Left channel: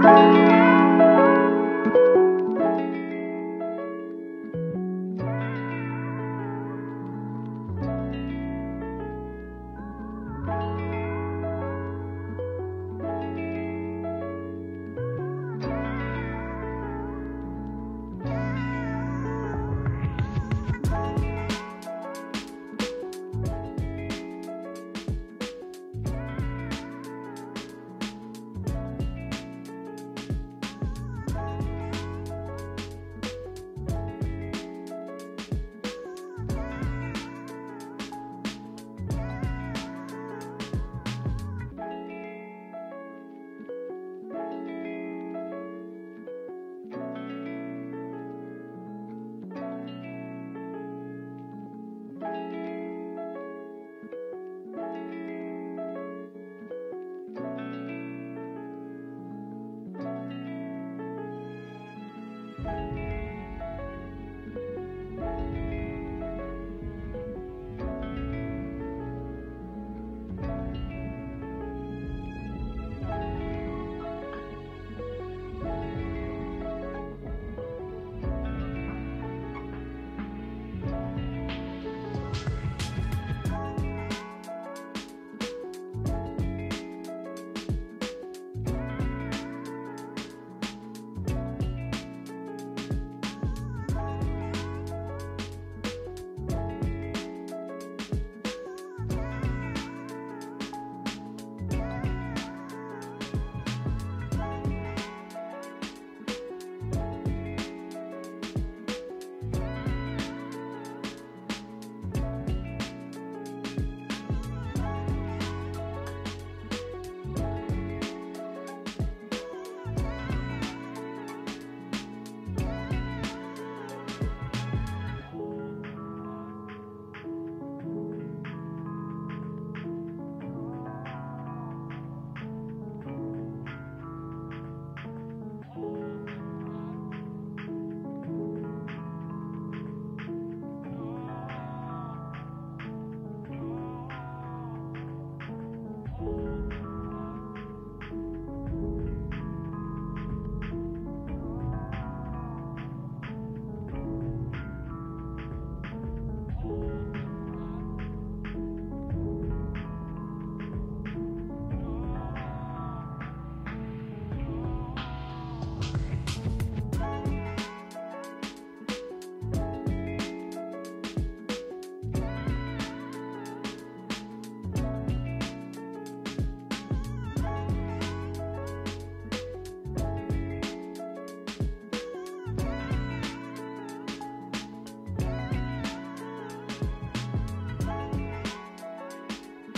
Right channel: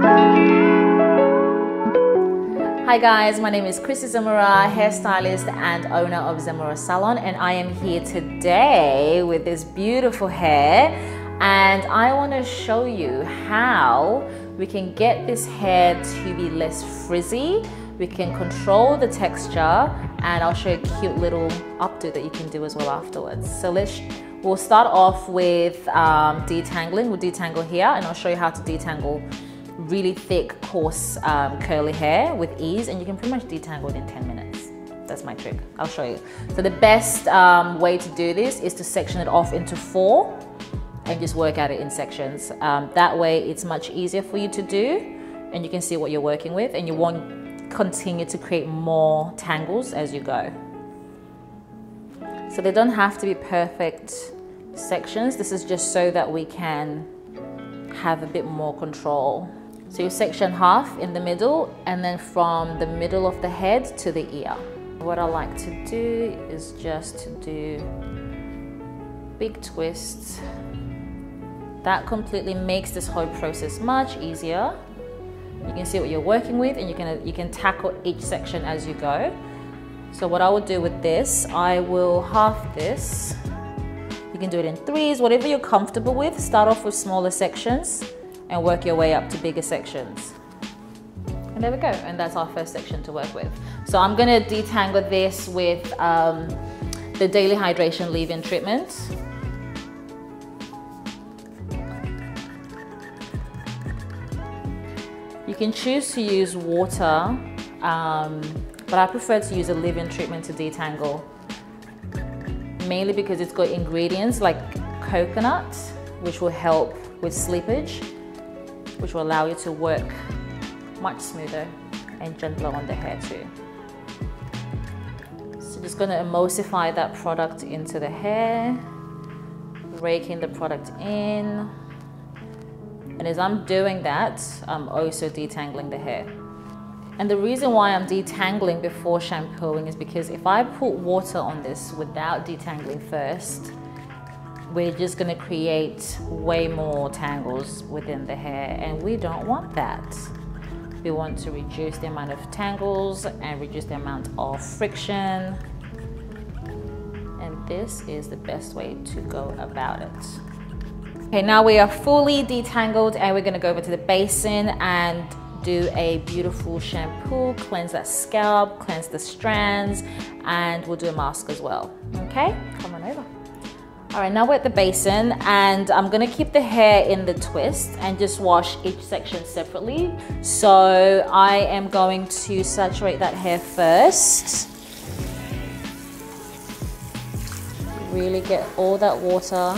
Hi guys, my name is Chrissy Zemura, hairstylist and owner of Zemura Salon, and I am here today with this beautiful hair, and I want to show you how we can get this hair to be less frizzy. We can control the texture, and I'll show you a cute little updo that you can do as well afterwards. So we'll start off with detangling. We'll detangle here, and I'll show you how to detangle really thick, coarse, curly hair with ease, and you can pretty much detangle it in 10 minutes. That's my trick. I'll show you. So the best way to do this is to section it off into 4 and just work at it in sections. That way it's much easier for you to do, and you can see what you're working with, and you won't continue to create more tangles as you go. So they don't have to be perfect sections. This is just so that we can have a bit more control. So you section half in the middle, and then from the middle of the head to the ear. What I like to do is just to do big twists. That completely makes this whole process much easier. You can see what you're working with, and you can tackle each section as you go. So what I will do with this, I will half this. You can do it in 3s, whatever you're comfortable with. Start off with smaller sections and work your way up to bigger sections. And there we go, and that's our first section to work with. So I'm gonna detangle this with the Daily Hydration Leave-In Treatment. You can choose to use water, but I prefer to use a leave-in treatment to detangle, mainly because it's got ingredients like coconut, which will help with slippage, which will allow you to work much smoother and gentler on the hair too. So just going to emulsify that product into the hair, raking the product in, and as I'm doing that, I'm also detangling the hair. And the reason why I'm detangling before shampooing is because if I put water on this without detangling first, we're just going to create way more tangles within the hair, and we don't want that. We want to reduce the amount of tangles and reduce the amount of friction, and this is the best way to go about it. Okay, now we are fully detangled, and we're going to go over to the basin and do a beautiful shampoo, cleanse that scalp, cleanse the strands, and we'll do a mask as well. Okay, come on over. All right, now we're at the basin, and I'm gonna keep the hair in the twist and just wash each section separately. So I am going to saturate that hair first. Really get all that water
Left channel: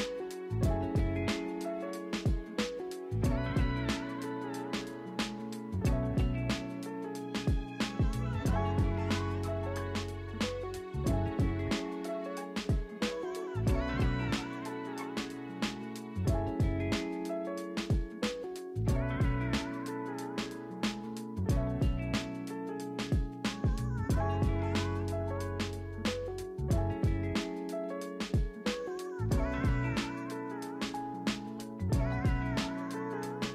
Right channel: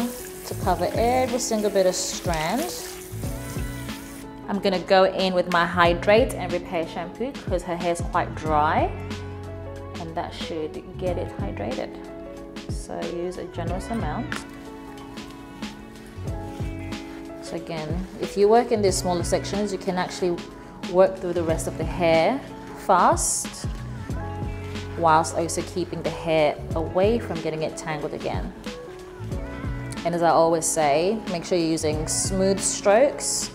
to cover every single bit of strand. I'm gonna go in with my Hydrate and Repair shampoo because her hair's quite dry, and that should get it hydrated. So use a generous amount. So again, if you work in these smaller sections, you can actually work through the rest of the hair fast, whilst also keeping the hair away from getting it tangled again. And as I always say, make sure you're using smooth strokes,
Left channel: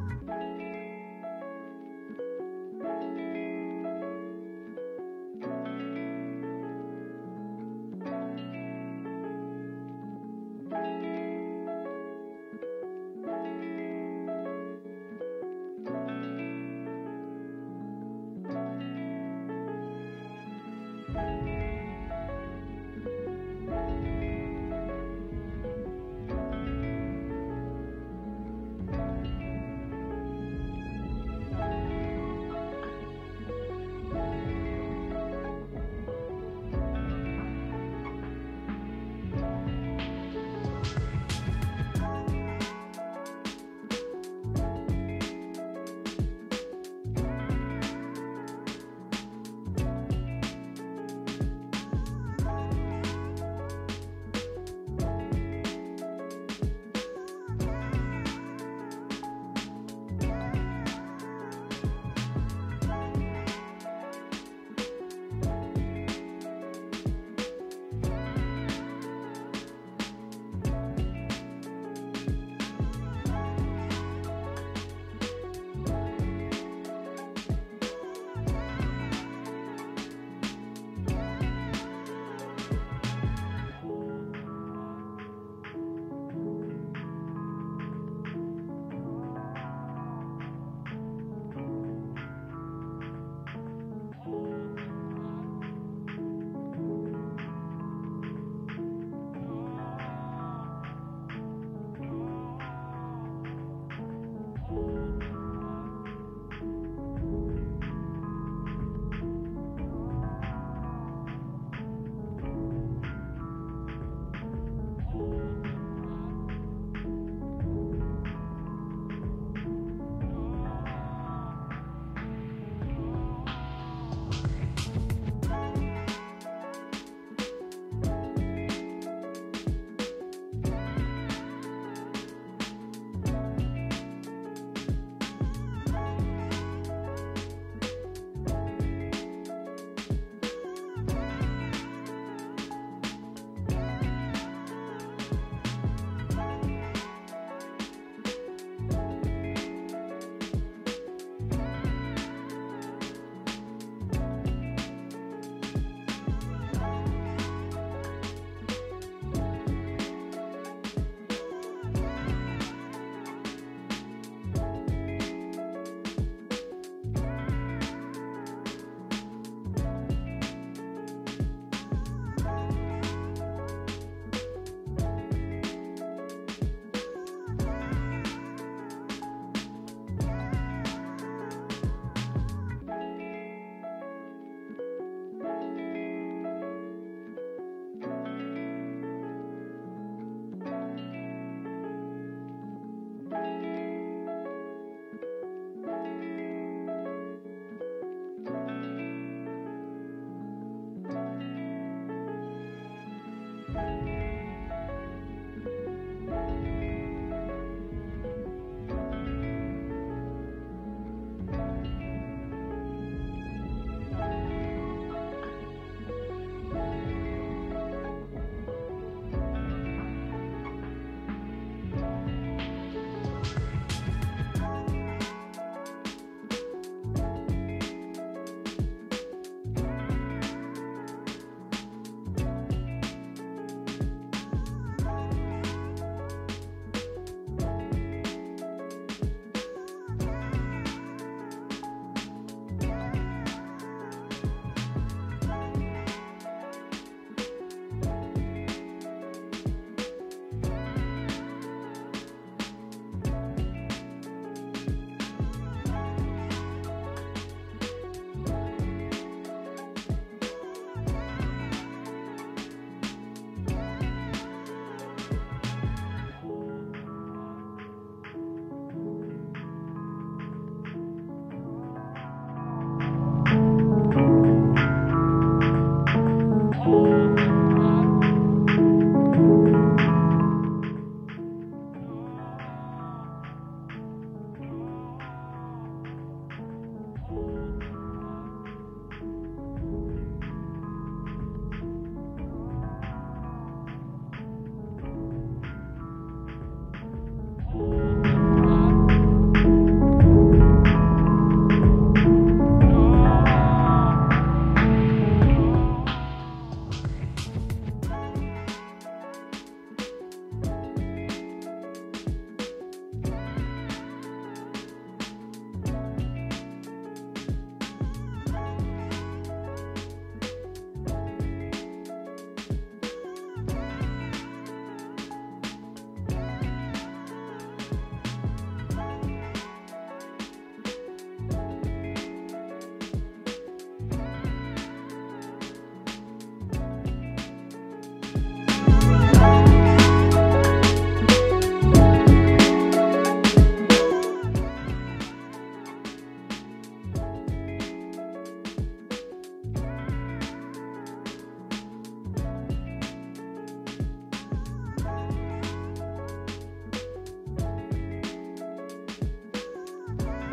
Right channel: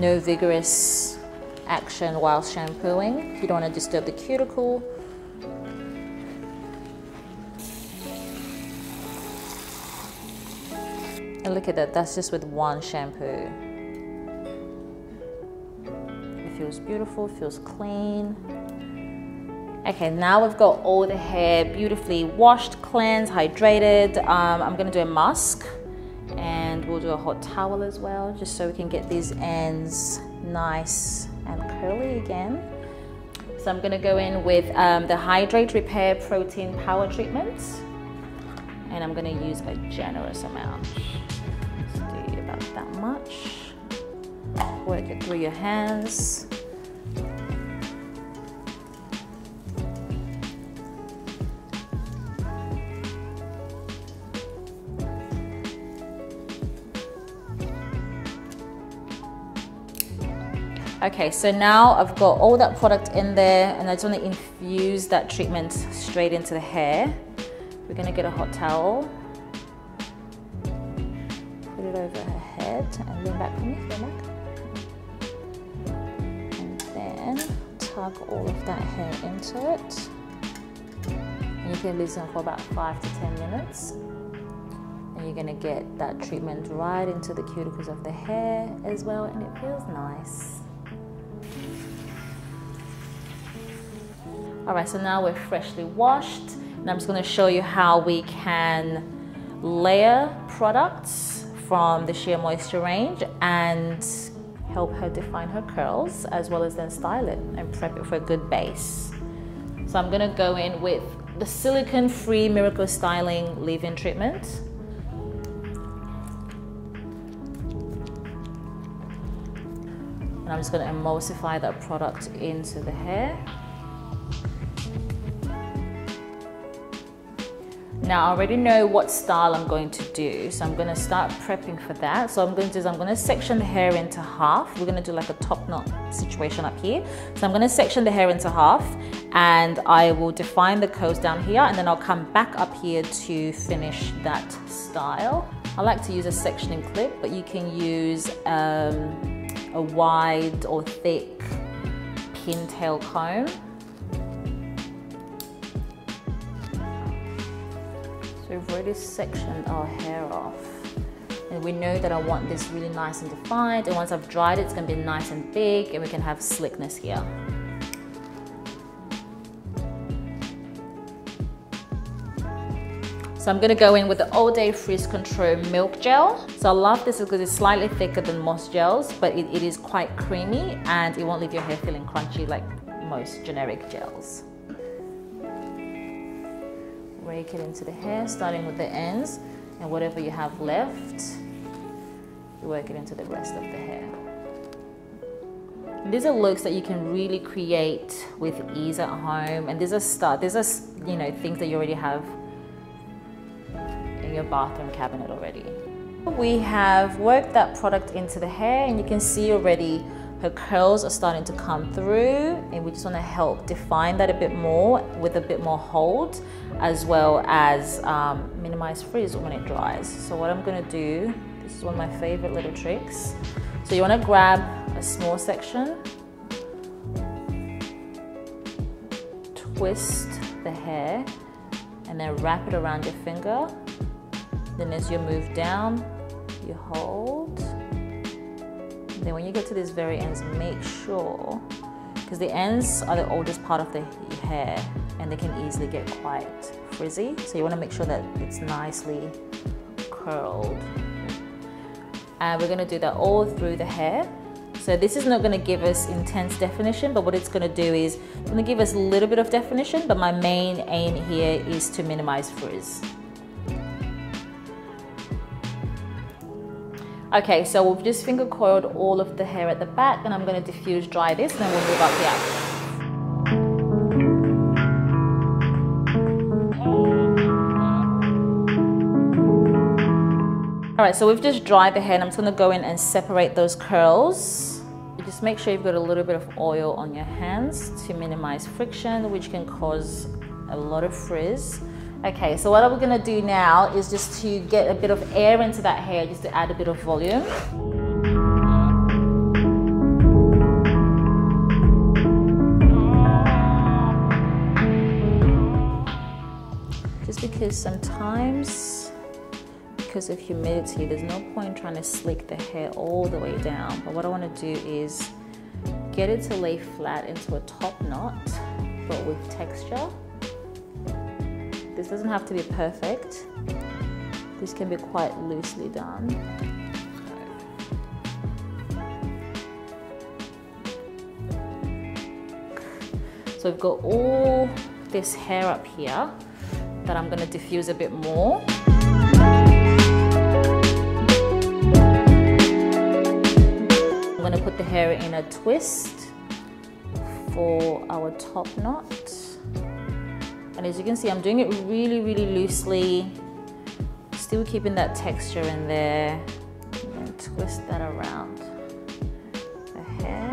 no vigorous action while shampooing. You don't want to disturb the cuticle. And look at that, that's just with one shampoo. It feels beautiful, it feels clean. Okay, now we've got all the hair beautifully washed, cleansed, hydrated. I'm gonna do a mask, and we'll do a hot towel as well, just so we can get these ends nice and curly again. So I'm gonna go in with the Hydrate Repair Protein Power Treatment, and I'm gonna use a generous amount. So do about that much. Work it through your hands. Okay, so now I've got all that product in there, and I just want to infuse that treatment straight into the hair. We're going to get a hot towel, put it over her head, and lean back from your neck. gently loosen for about 5 to 10 minutes. And you're gonna get that treatment right into the cuticles of the hair as well, and it feels nice. All right, so now we're freshly washed, and I'm just gonna show you how we can layer products from the SheaMoisture range and help her define her curls, as well as then style it and prep it for a good base. So I'm gonna go in with the silicone-free Miracle Styling leave-in treatment. And I'm just gonna emulsify that product into the hair. Now I already know what style I'm going to do, so I'm going to start prepping for that. So I'm going to section the hair into half. We're going to do like a top knot situation up here. So I'm going to section the hair into half, and I will define the curls down here, and then I'll come back up here to finish that style. I like to use a sectioning clip, but you can use a wide or thick pintail comb. We've already sectioned our hair off, and we know that I want this really nice and defined, and once I've dried it, it's going to be nice and big, and we can have slickness here. So I'm going to go in with the All Day Frizz Control Milk Gel. So I love this because it's slightly thicker than most gels, but it is quite creamy, and it won't leave your hair feeling crunchy like most generic gels. Rake it into the hair, starting with the ends, and whatever you have left, work it into the rest of the hair. These are looks that you can really create with ease at home, and these are things that you already have in your bathroom cabinet already. We have worked that product into the hair, and you can see already her curls are starting to come through, and we just want to help define that a bit more with a bit more hold, as well as minimize frizz when it dries. So what I'm going to do, this is one of my favorite little tricks. So you want to grab a small section, twist the hair, and then wrap it around your finger. Then as you move down, you hold. Then when you get to these very ends, make sure, because the ends are the oldest part of the hair and they can easily get quite frizzy, so you want to make sure that it's nicely curled. And we're going to do that all through the hair. So this is not going to give us intense definition, but what it's going to do is it's going to give us a little bit of definition, but my main aim here is to minimize frizz. Okay, so we've just finger coiled all of the hair at the back, and I'm going to diffuse dry this, and then we'll move up the outside. All right, so we've just dried the hair, and I'm just going to go in and separate those curls. Just make sure you've got a little bit of oil on your hands to minimize friction, which can cause a lot of frizz. Okay, so what we're going to do now is just to get a bit of air into that hair, just to add a bit of volume. Just because sometimes, because of humidity, there's no point trying to slick the hair all the way down. But what I want to do is get it to lay flat into a top knot, but with texture. This doesn't have to be perfect. This can be quite loosely done. So I've got all this hair up here that I'm going to diffuse a bit more. I'm going to put the hair in a twist for our top knot. And as you can see, I'm doing it really, really loosely, still keeping that texture in there, and twist that around the hair.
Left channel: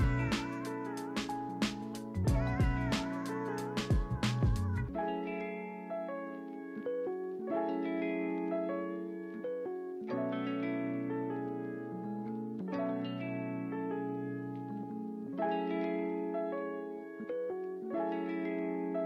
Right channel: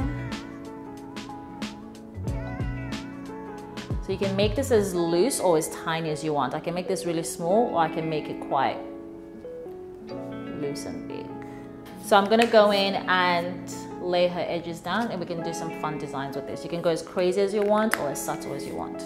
So you can make this as loose or as tiny as you want. I can make this really small, or I can make it quite loose and big. So I'm gonna go in and lay her edges down, and we can do some fun designs with this. You can go as crazy as you want or as subtle as you want.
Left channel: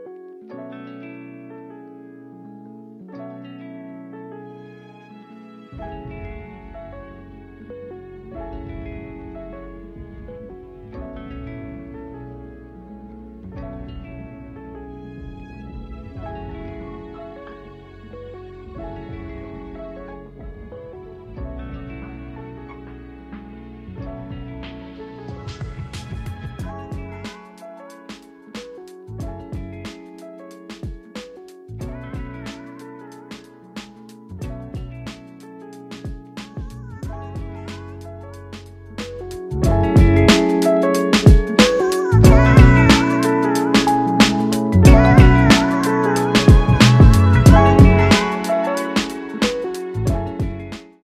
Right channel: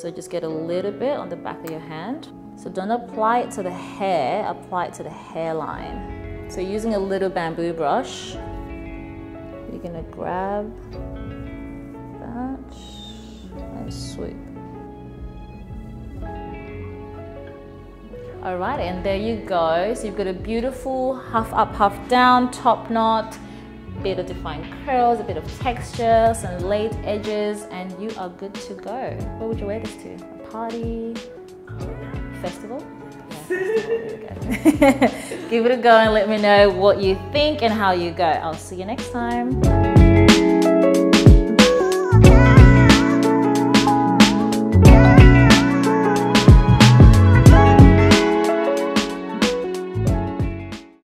So just get a little bit on the back of your hand. So don't apply it to the hair, apply it to the hairline. So using a little bamboo brush, you're gonna grab that and sweep. All right, and there you go. So you've got a beautiful half up, half down top knot, a bit of defined curls, a bit of texture, some laid edges, and you are good to go. What would you wear this to? A party? Festival? Yeah, give it a go and let me know what you think and how you go. I'll see you next time.